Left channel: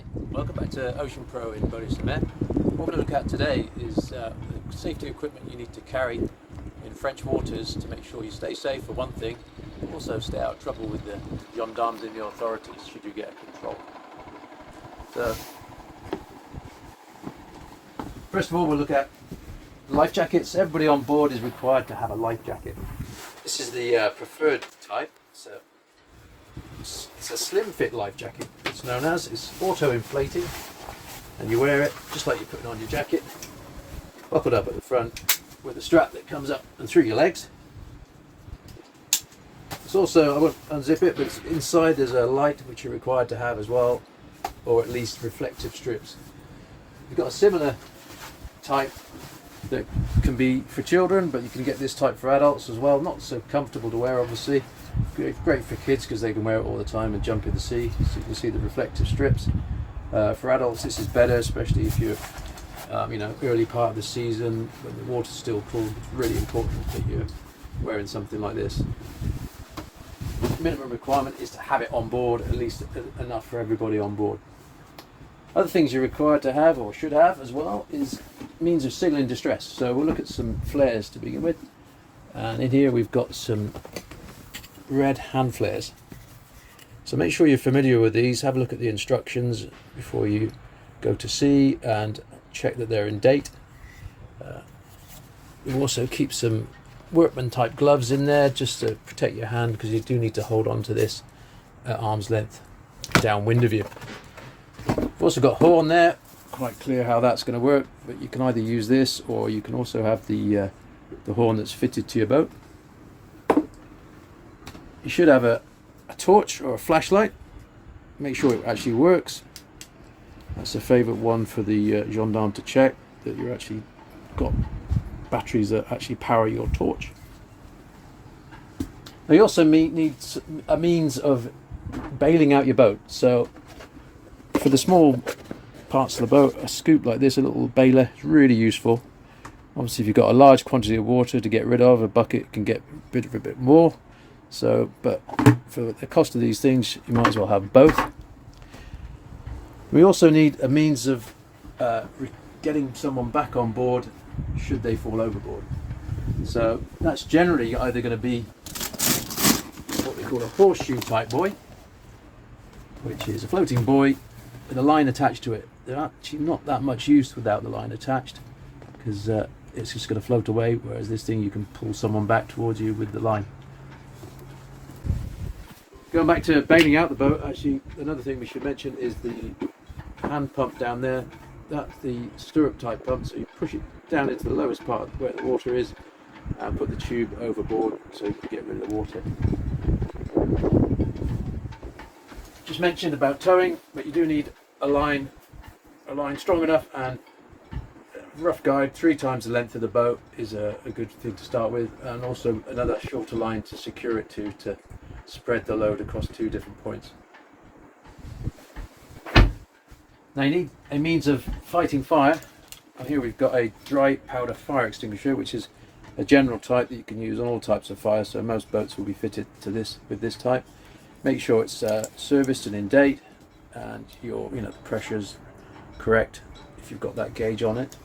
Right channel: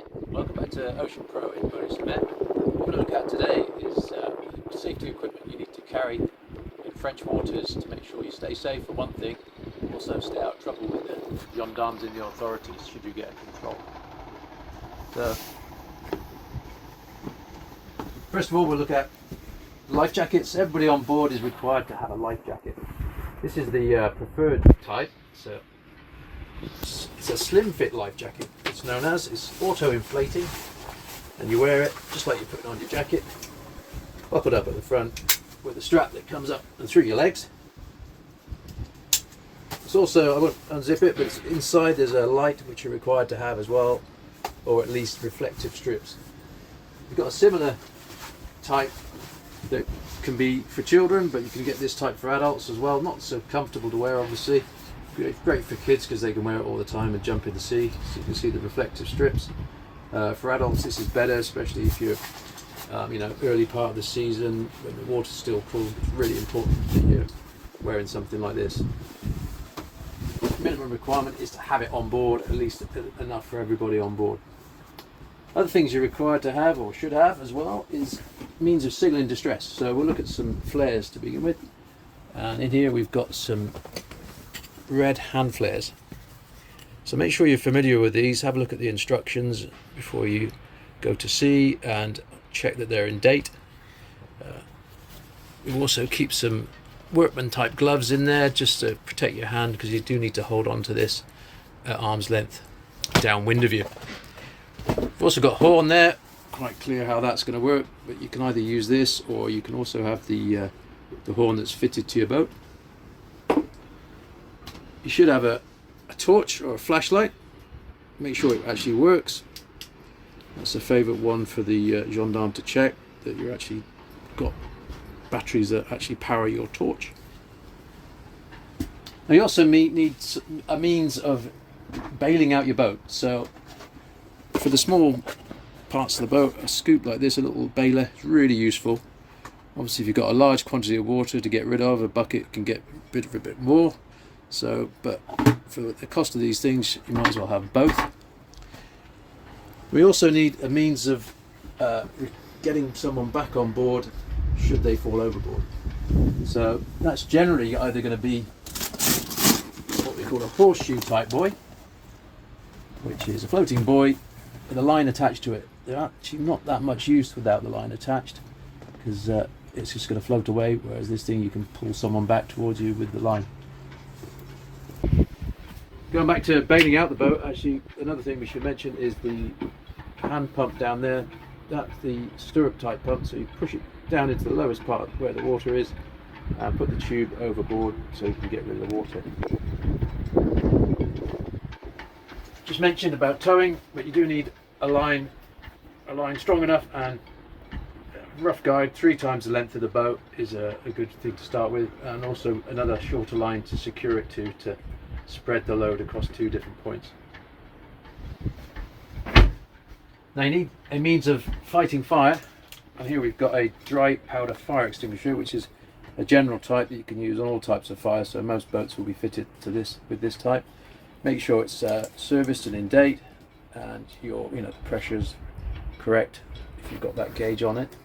Hi, welcome back to Ocean Pro in Bury-sur-Mer. What we're going to look at today is safety equipment you need to carry in French waters to make sure you stay safe for one thing, but also stay out of trouble with the gendarmes and the authorities should you get a control. So, first of all, we'll look at life jackets. Everybody on board is required to have a life jacket. This is the preferred type. It's a slim fit life jacket, it's known as. It's auto-inflating, and you wear it just like you put it on your jacket. Up it up at the front with a strap that comes up and through your legs. It's also, I won't unzip it, but inside there's a light which you're required to have as well, or at least reflective strips. You've got a similar type that can be for children, but you can get this type for adults as well. Not so comfortable to wear, obviously. Great for kids because they can wear it all the time and jump in the sea. So you can see the reflective strips. For adults, this is better, especially if you're, early part of the season when the water's still cool. It's really important that you're wearing something like this. Minimum requirement is to have it on board, at least enough for everybody on board. Other things you're required to have, or should have as well, is means of signalling distress. So we'll look at some flares to begin with. And in here we've got some red hand flares. So make sure you're familiar with these. Have a look at the instructions before you go to sea and check that they're in date. We'll also keep some workman type gloves in there just to protect your hand, because you do need to hold on to this at arm's length downwind of you. We've also got horn there. Quite clear how that's going to work, but you can either use this or you can also have the horn that's fitted to your boat. You should have a torch or a flashlight. Make sure it actually works. That's a favourite one for the gendarme to check, that you're actually got batteries that actually power your torch. Now you also need a means of bailing out your boat. So for the small parts of the boat, a scoop like this, a little bailer, is really useful. Obviously if you've got a large quantity of water to get rid of, a bucket can get rid of a bit more. So, but for the cost of these things, you might as well have both. We also need a means of getting someone back on board should they fall overboard. So that's generally either going to be what we call a horseshoe type buoy, which is a floating buoy with a line attached to it. They're actually not that much use without the line attached, because it's just going to float away, whereas this thing you can pull someone back towards you with the line. Going back to bailing out the boat, actually another thing we should mention is the hand pump down there. That's the stirrup type pump, so you push it down into the lowest part where the water is and put the tube overboard so you can get rid of the water. Just mentioned about towing, but you do need a line strong enough, and rough guide 3 times the length of the boat is a good thing to start with, and also another shorter line to secure it to spread the load across 2 different points. Now you need a means of fighting fire, and here we've got a dry powder fire extinguisher, which is a general type that you can use on all types of fire, so most boats will be fitted to this with this type. Make sure it's serviced and in date, and the pressure's correct if you've got that gauge on it.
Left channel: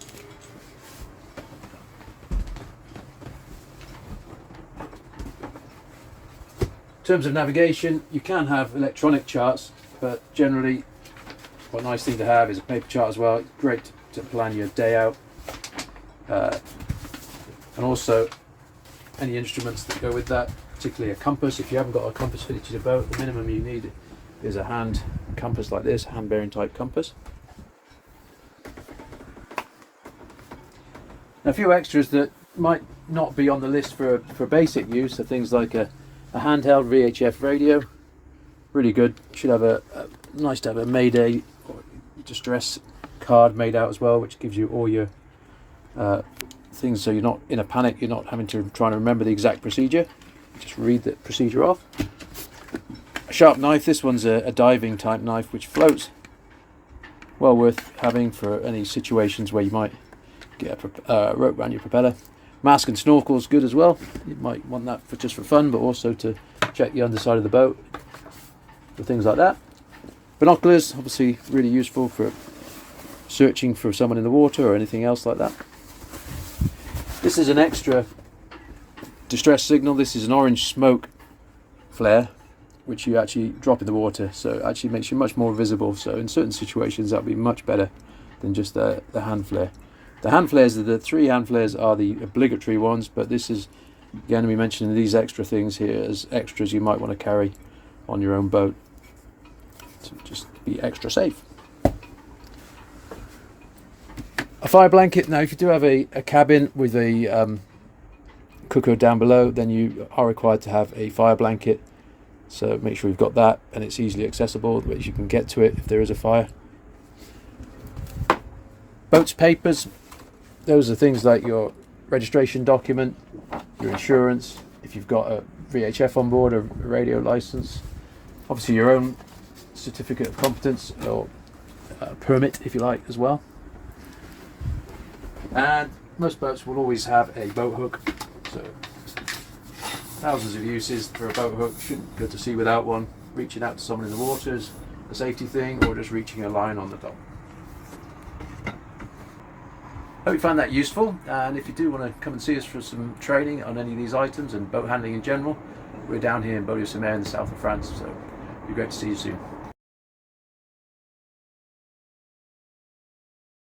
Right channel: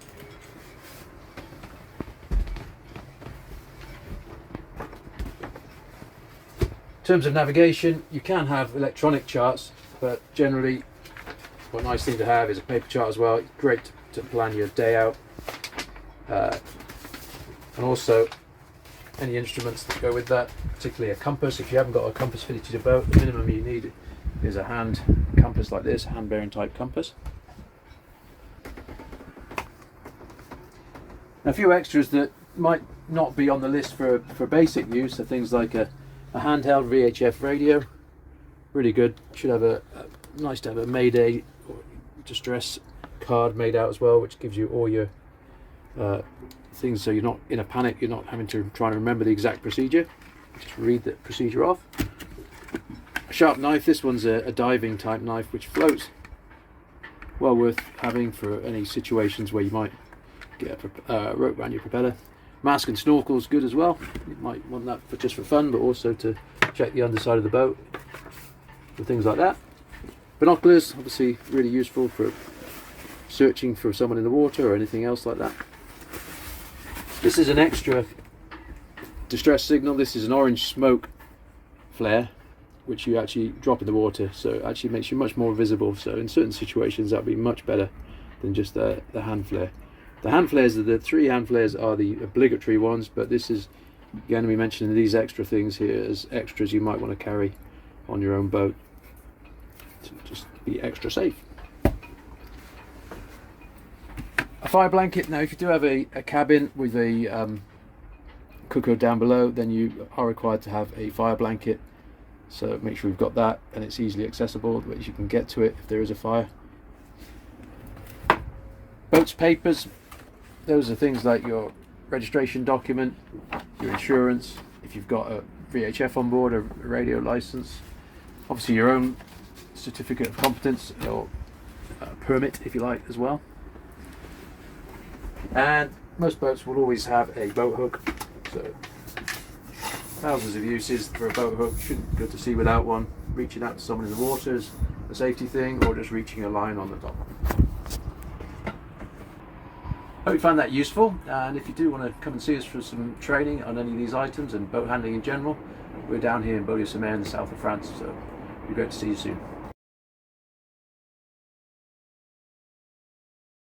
In terms of navigation, you can have electronic charts, but generally a nice thing to have is a paper chart as well. It's great to plan your day out, and also any instruments that go with that, particularly a compass. If you haven't got a compass fitted to the boat, the minimum you need is a hand compass like this, a hand bearing type compass. Now, a few extras that might not be on the list for basic use are things like a handheld VHF radio, really good. Should have nice to have a Mayday or distress card made out as well, which gives you all your things, so you're not in a panic, you're not having to try and remember the exact procedure, just read the procedure off. A sharp knife, this one's a diving type knife which floats, well worth having for any situations where you might get a rope around your propeller. Mask and snorkel is good as well. You might want that just for fun, but also to check the underside of the boat for things like that. Binoculars, obviously really useful for searching for someone in the water or anything else like that. This is an extra distress signal. This is an orange smoke flare which you actually drop in the water, so it actually makes you much more visible. So in certain situations that would be much better than just the hand flare. The hand flares, the 3 hand flares are the obligatory ones, but this is going to be mentioning these extra things here as extras you might want to carry on your own boat to just be extra safe. A fire blanket. Now if you do have a cabin with a cooker down below, then you are required to have a fire blanket, so make sure you've got that and it's easily accessible, but you can get to it if there is a fire. Boat's papers, those are things like your registration document, your insurance, if you've got a VHF on board, a radio license, obviously your own certificate of competence or permit if you like as well. And most boats will always have a boat hook, so thousands of uses for a boat hook. Shouldn't be good to see without one. Reaching out to someone in the water is a safety thing, or just reaching a line on the dock. Hope you found that useful, and if you do want to come and see us for some training on any of these items and boat handling in general, we're down here in Beaulieu-sur-Mer in the south of France, so it'd be great to see you soon.